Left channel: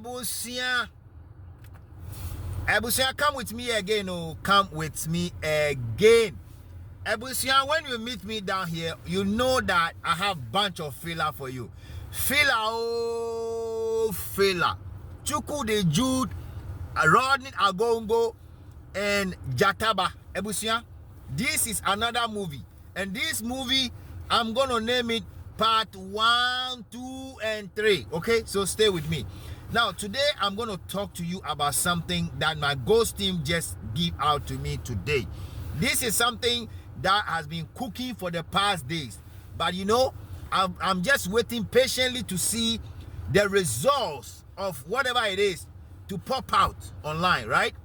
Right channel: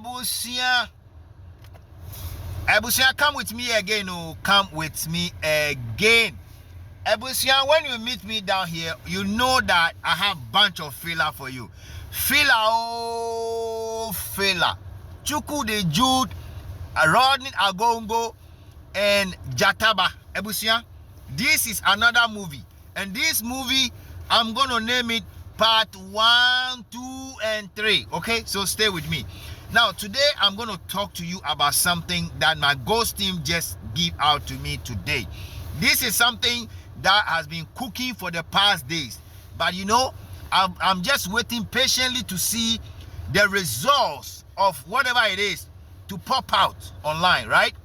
Ebusia, come with me again. Oh, come with me again. Ebusia, when you meet me down here, you know that I have bunch of filler for you. Filler, oh, filler. Chuku de Jude, Ronney Agogo, and Jataba. Ebusia, this is another movie. And this movie, I'm going to name it part 1, 2, and 3. Okay, so stay with me. Now, today, I'm going to talk to you about something that my ghost team just gave out to me today. This is something that has been cooking for the past days. But you know, I'm just waiting patiently to see the results of whatever it is to pop out online, right?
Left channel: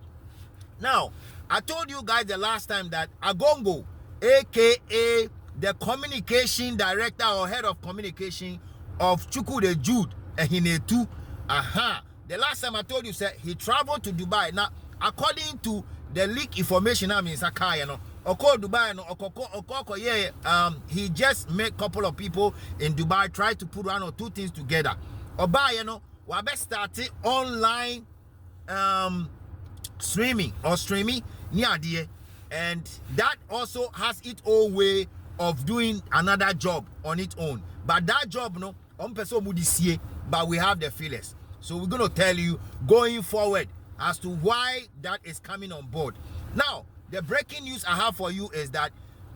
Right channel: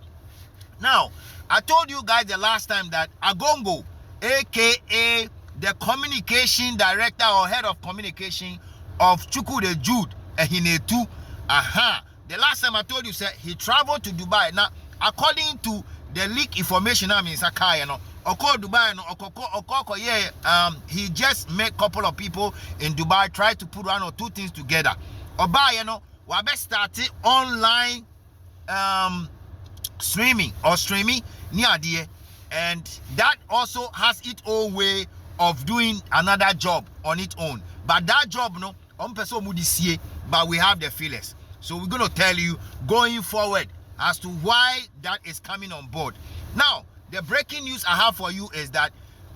Now, I told you guys the last time that Agogo, aka the communication director or head of communication of Chuku de Jude Ehinetu, the last time I told you, said he traveled to Dubai. Now, according to the leak information, I mean, Sakai, you know, Dubai, he just met a couple of people in Dubai, tried to put one or two things together. Oba, you know, we best started online streaming near there, and that also has its own way of doing another job on its own. But that job, no, but we have the feelers. So we're going to tell you going forward as to why that is coming on board. Now, the breaking news I have for you is that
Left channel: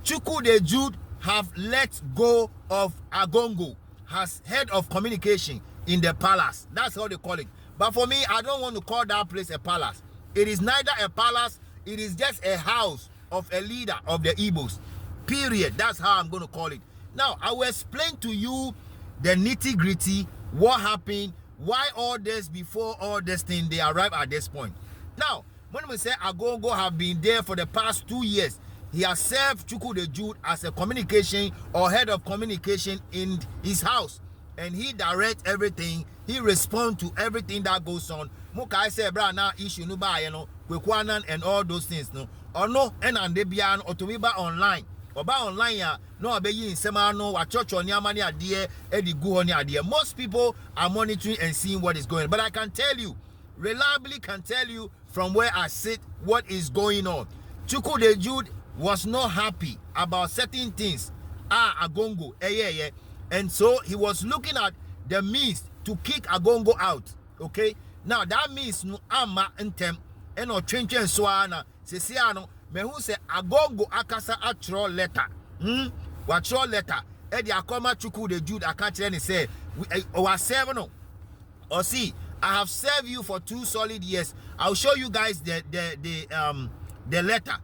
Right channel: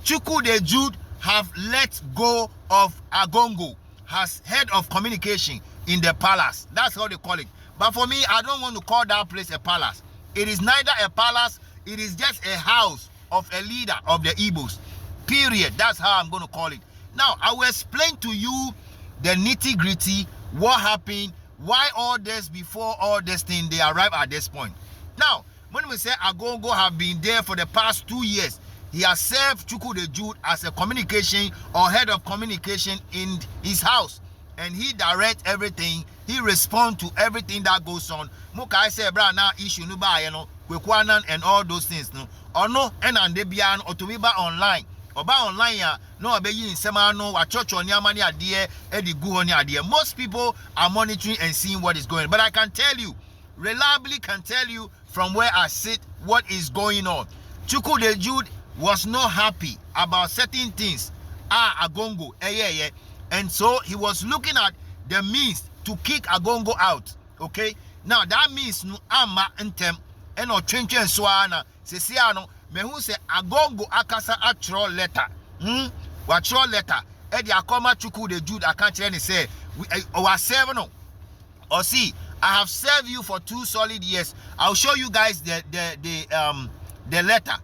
Chuku de Jude have let go of Agogo as head of communication in the palace. That's how they call it. But for me, I don't want to call that place a palace. It is neither a palace, it is just a house of a leader of the Igbos. Period. That's how I'm going to call it. Now, I will explain to you the nitty-gritty, what happened, why all this, before all this thing, they arrive at this point. Now, when we say Agogo have been there for the past 2 years, he has served Chuku de Jude as a communication or head of communication in his house. And he directs everything. He responds to everything that goes on. Mukai say, bra, now issue no ba, you know, kwekwanan and all those things, no. Or no, and debian or to me ba online. Or ba online, ya, no, abe yin semano, a church on yamani adie, edi guhoni adie. Most people are monitoring and seeing what is going on. But I can tell you, reliably can tell you from where I sit what is going on. Chuku de Jude was not happy about certain things. Agongo, and so he was looking at the means to kick Agongo out. Okay, now that means no ama intem eno chenche swana sesiano me who say Agongo akasa atro letter. Watro letter. Edi akoma Chuku de Jude akanche say we 7 no. Or see, I have served you for 2 solid years. I'll show you guys the letter.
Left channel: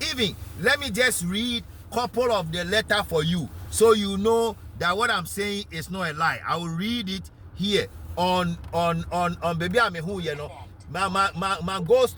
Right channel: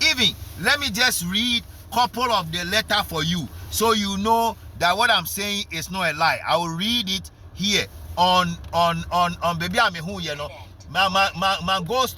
Even let me just read a couple of the letter for you, so you know that what I'm saying is not a lie. I will read it here on baby I'm who, you know. My ghost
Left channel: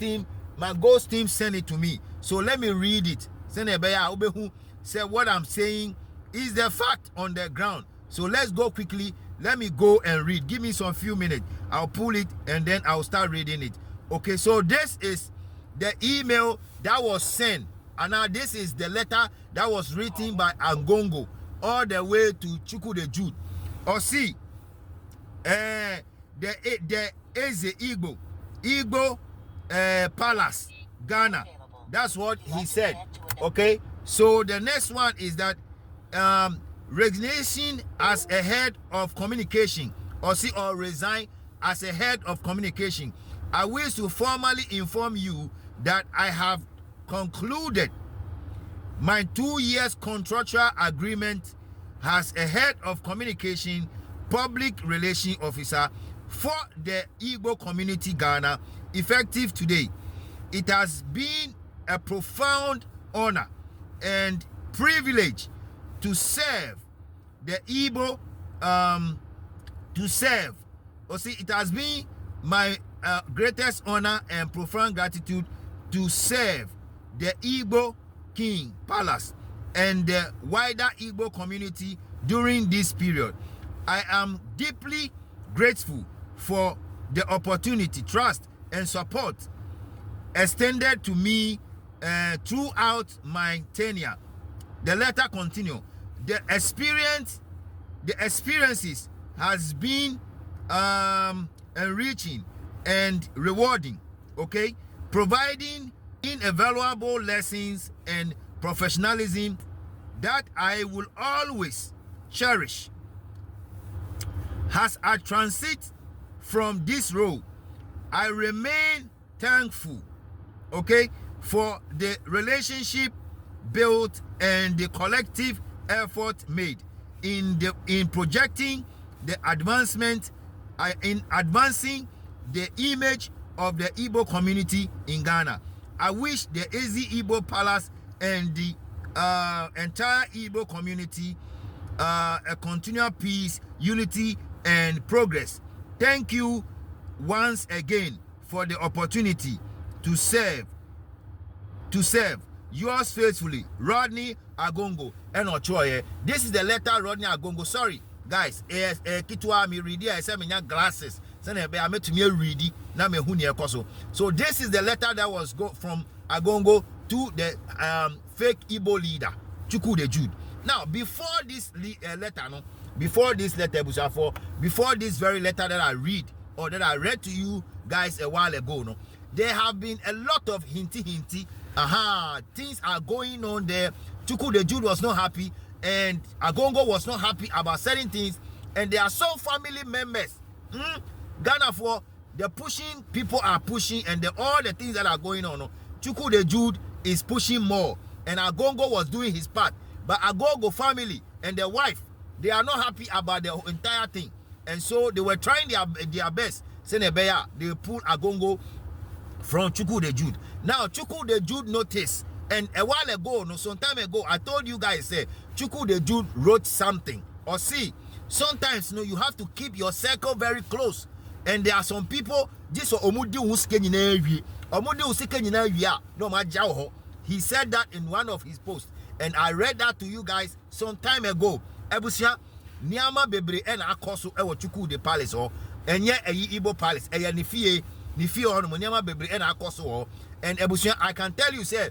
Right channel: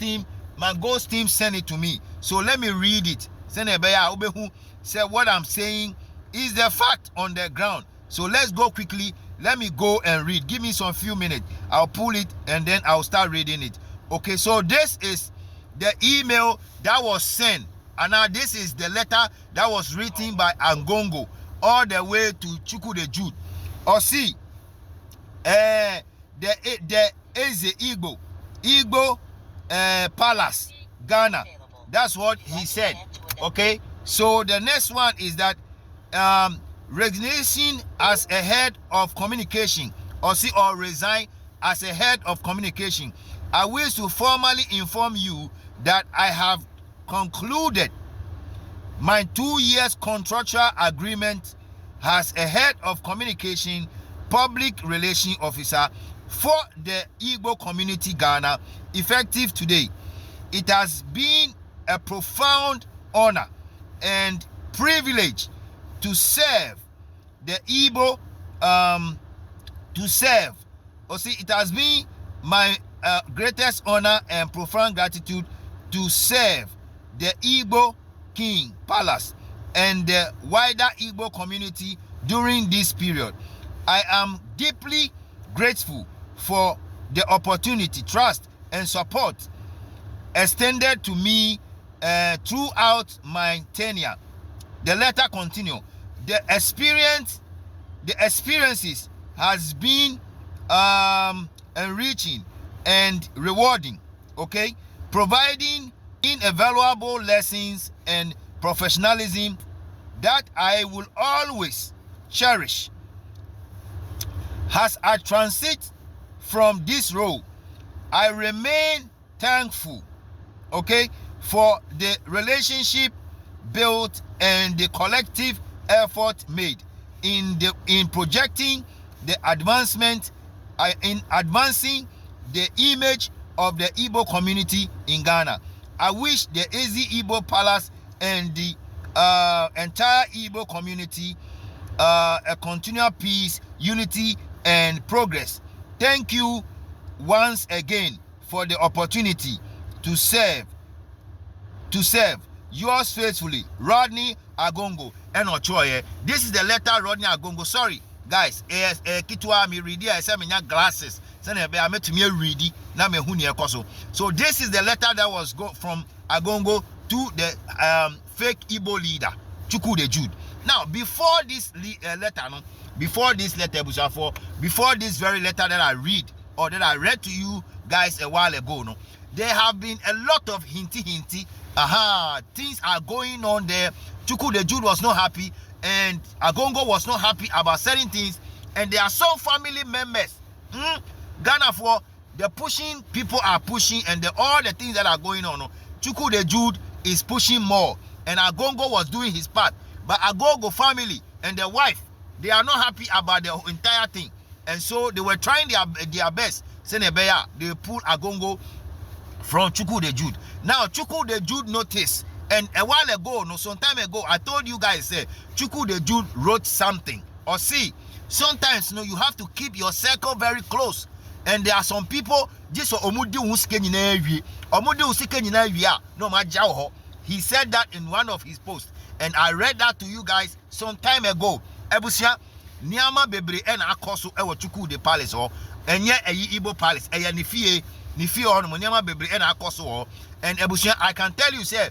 team sent it to me. So let me read it. Say what I'm saying is the fact on the ground. So let's go quickly. Let me go and read. Give me some few minutes. I'll pull it and then I'll start reading it. Okay, so this is the email that was sent. And now this is the letter that was written by Agongo all the way to Chuku de Jude. Or see, the Eze Igbo Palace, Ghana. That's what he said. Okay, so the next one is that resignation as a head of communication, or resign as a head of communication. I wish to formally inform you that I have concluded my 2 years contractual agreement as a head of communication public relation officer for the Igbo community Ghana, effective today. It has been a profound honor and privilege to serve the Igbo, it has been my greatest honor and profound gratitude to serve the Igbo King Palace and the wider Igbo community during this period. I am deeply grateful for the opportunity, trust, and support extended to me throughout my tenure. The letter continues. The experiences has been enriching and rewarding, okay, providing invaluable lessons and professionalism that I will always cherish. As I transit from this role, I remain thankful, okay, for the relationship built and the collective effort made in projecting the advancement, in advancing the image of the Igbo community in Ghana. I wish the Ezi Igbo Palace and the entire Igbo community a continual peace, unity, and progress. Thank you once again for the opportunity to serve. Yours faithfully, Ronney Agogo. And Ochoye. This is the letter Ronney Agogo. Sorry, guys. Kitwa me read I said me glasses. So this is the letter that was from Agogo to the fake Igbo leader, Chukwu the Jude. Now, before this letter, before this very letter that I read, or that I read to you guys a while ago, there have been a lot of hinty. Things are going on there. Chukwu the Jude was not happy, and Agogo was not happy about certain things, and there are some family members. Ghana for the pushing, people are pushing, and all the things that are going on. Chukwu the Jude is pushing more, and Agogo was doing his part. But Agogo family and their wife, they are not happy about the entire thing, and so they were trying their best. Senebeya, they pulled Agogo from Chukwu the Jude. Now Chukwu the Jude noticed, and a while ago, some time ago, I told you guys, Chukwu the Jude wrote something. Or see, sometimes you have to keep your circle very close. And there are some people, he said that in one of his posts, and I read that to you guys some time ago. Ebusia Niama bebre and akoso ewo Chukwu the palace or enye Igbo palace eye nifie on Niama bebre and akoso. And Ebusia, I can tell you, say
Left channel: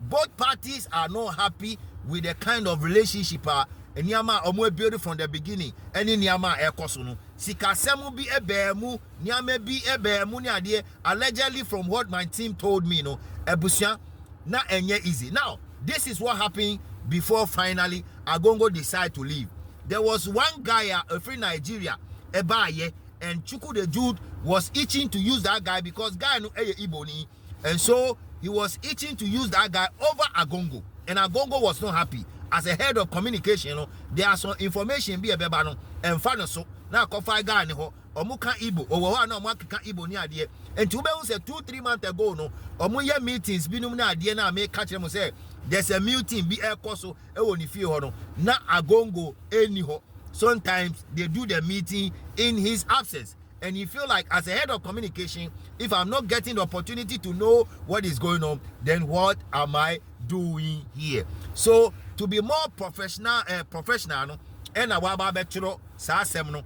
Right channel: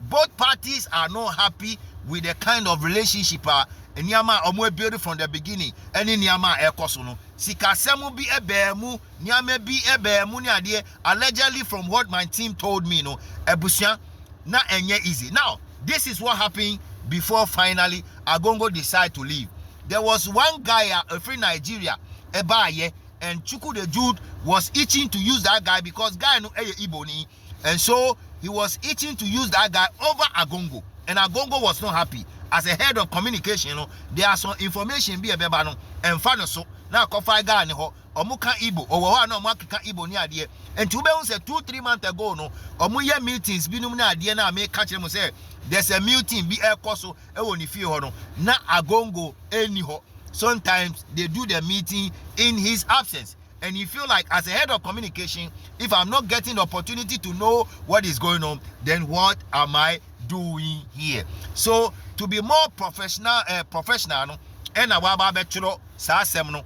both parties are not happy with the kind of relationship Niama omo build from the beginning. Any Niama ekoso no sikasemu bi ebemu Niama bi ebemu ni ade, allegedly from what my team told me, Ebusia na enye easy. Now this is what happened before finally Agogo decided to leave. There was one guy, a free Nigeria, Ebaye, and Chukwu the Jude was itching to use that guy because guy no Iboni, and so he was itching to use that guy over Agogo, and Agogo was not happy. As a head of communication, there are some information be a bebano and father so now coffee guy ho omuka Igbo or no mwaka Igbo ni adie. And to be say 2-3 months ago, omuye meetings binum na adie na make catch them say there's a meeting be a koso e woni fie ho no na Agogo eni ho. Sometimes they do the meeting in his absence, and you feel like as a head of communication, if I'm not getting the opportunity to know what is going on, then what am I doing here? So to be more professional and waba betro sa semno.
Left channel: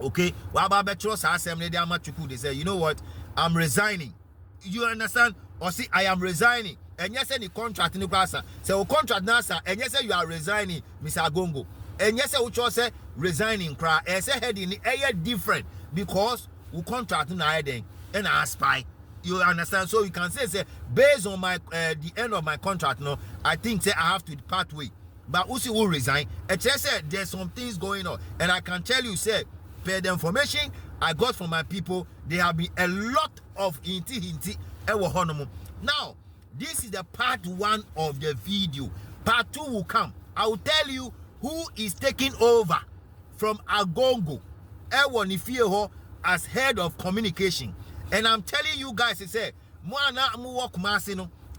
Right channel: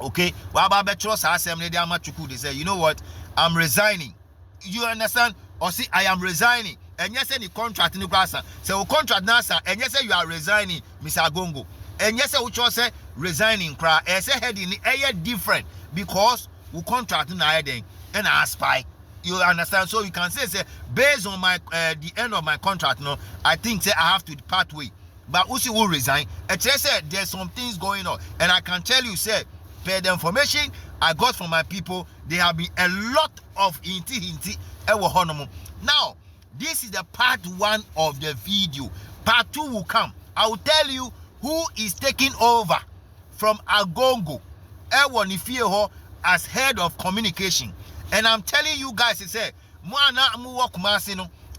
Okay, waba betro sa semne de amachuku, they say, you know what, I'm resigning. You understand? Or see, I am resigning. And yes, any contract in the class. So contract nasa, and yes, you are resigning, Mr. Agogo. And yes, which was say resigning cry. And say head in the air different because we contract in the and I spy. You understand? So you can say based on my the end of my contract, I think say I have to part way. But Usi will resign. And say there's some things going on, and I can tell you, say, per the information I got from my people, there have been a lot of hinty. Now, this is the part 1 of the video. Part 2 will come. I will tell you who is taking over from Agogo as head of communication. And I'm telling you guys,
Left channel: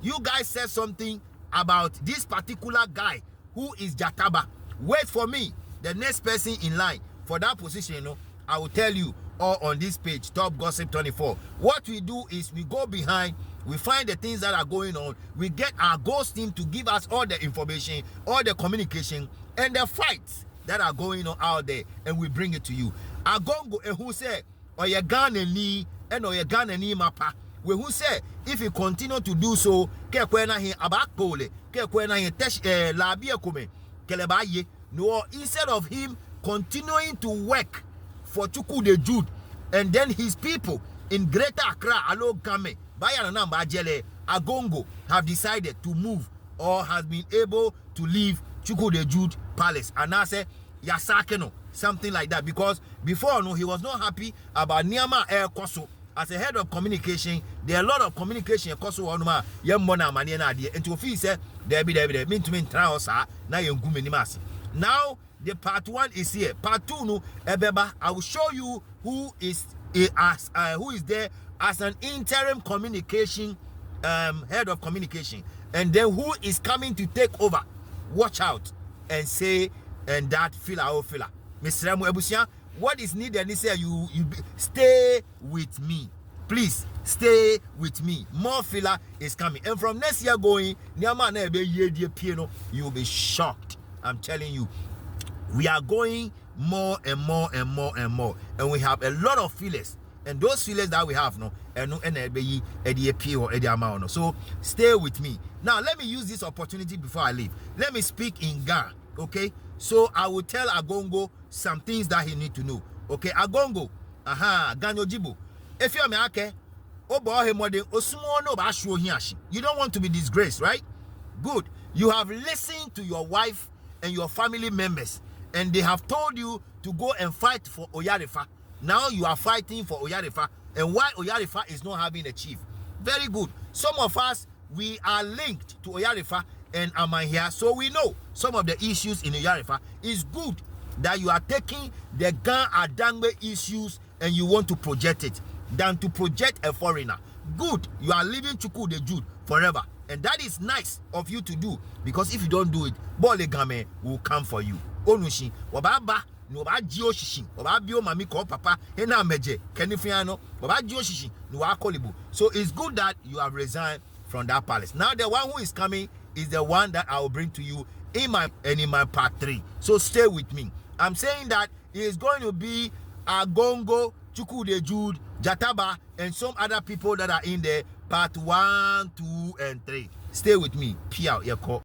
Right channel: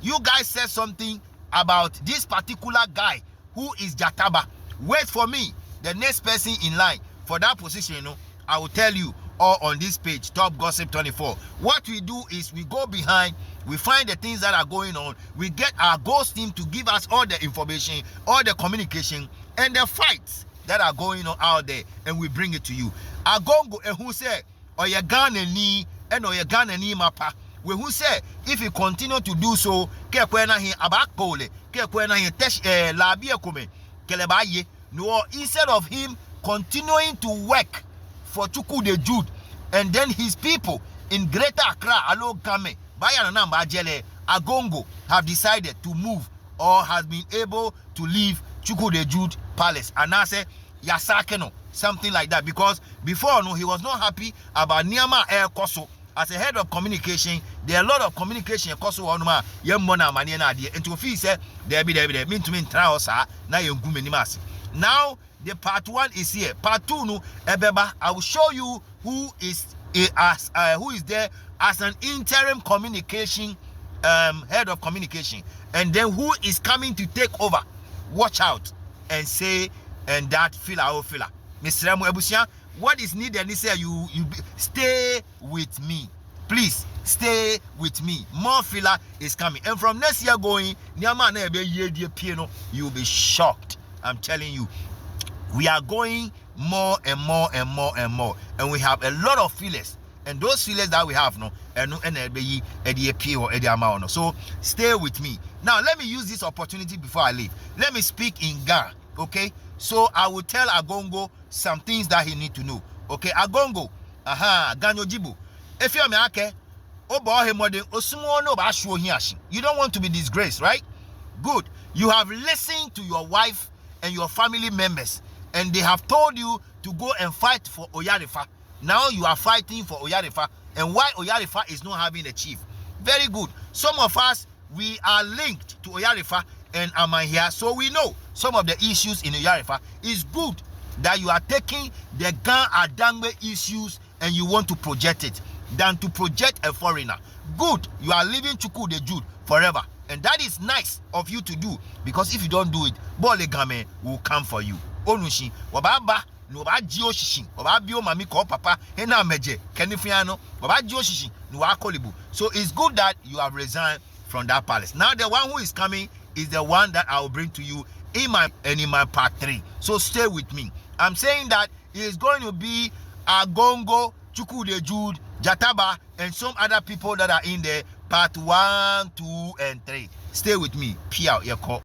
you guys said something about this particular guy who is Jataba. Wait for me, the next person in line for that position, I will tell you all on this page, Top Gossip 24. What we do is we go behind, we find the things that are going on, we get our ghost team to give us all the information, all the communication, and the fights that are going on out there, and we bring it to you. Agogo who say, or your Ghana ni, and or your Ghana ni mapa. We who say, if you continue to do so, ke kwena hi abakole, ke kwena hi tesh labia kume, kelebaye. No, instead of him continuing to work for Chuku the Jude and then his people in Greater Accra, Alo Game, Bayanana Majele, Agongo have decided to move or has been able to leave Chuku the Jude Palace. And I say, Yasakeno, something like that. Because before, no, he was not happy about Niama Air Koso. As a head of communication, there are a lot of communication Koso Onuma, Yamona Maniana, and to feel say, there be mean to mean Traosa, na Yungumimasi. Now, the part 1 is here. Part 2, no, Ebeba, I will show you who is there as an interim communication head of communication, and then who is coming to take over. Watch out and say and that filler. Mr. Ebusia, what is needed is you stay with me. Please stay with me. More filler is coming, and from next year going, you will be shocked. I'm telling you, we are going more and more and more and more, and we have a lot of fillers, and those fillers that we have no so stay with me. Now let me use this opportunity before I leave. Let me speak in Ga, okay? So I will tell Agongo some things that he need to know. Okay, Agongo, Ganyo Jibu. If you're me, okay, you don't want to be disgraced, right? Good. You have listened to your wife and your family members, and they have told you to go and fight for Oyarifa. Now you are fighting for Oyarifa, and why Oyarifa is not having a chief. Very good. Some of us, we are linked to Oyarifa and Amahia, so we know some of the issues in Oyarifa. Is good that you are taking the Gan Adangbe issues and you want to project it than to project a foreigner. Good. You are leaving Chuku the Jude forever, and that is nice of you to do, because if you don't do it, Bolegame will come for you. Onushi wababa no ba jio shishin waba bio mami ko papa ena meje kenifiano waba jio shishin no wa kolibu. So it's good that you have resigned from that palace. Now the one who is coming is the one that I will bring to you in my part 3. So stay with me. I'm saying that it is going to be Agongo, Chuku the Jude, Jataba, and some other people that are in there, part 1, 2, and 3. Stay with me. Pia Yako.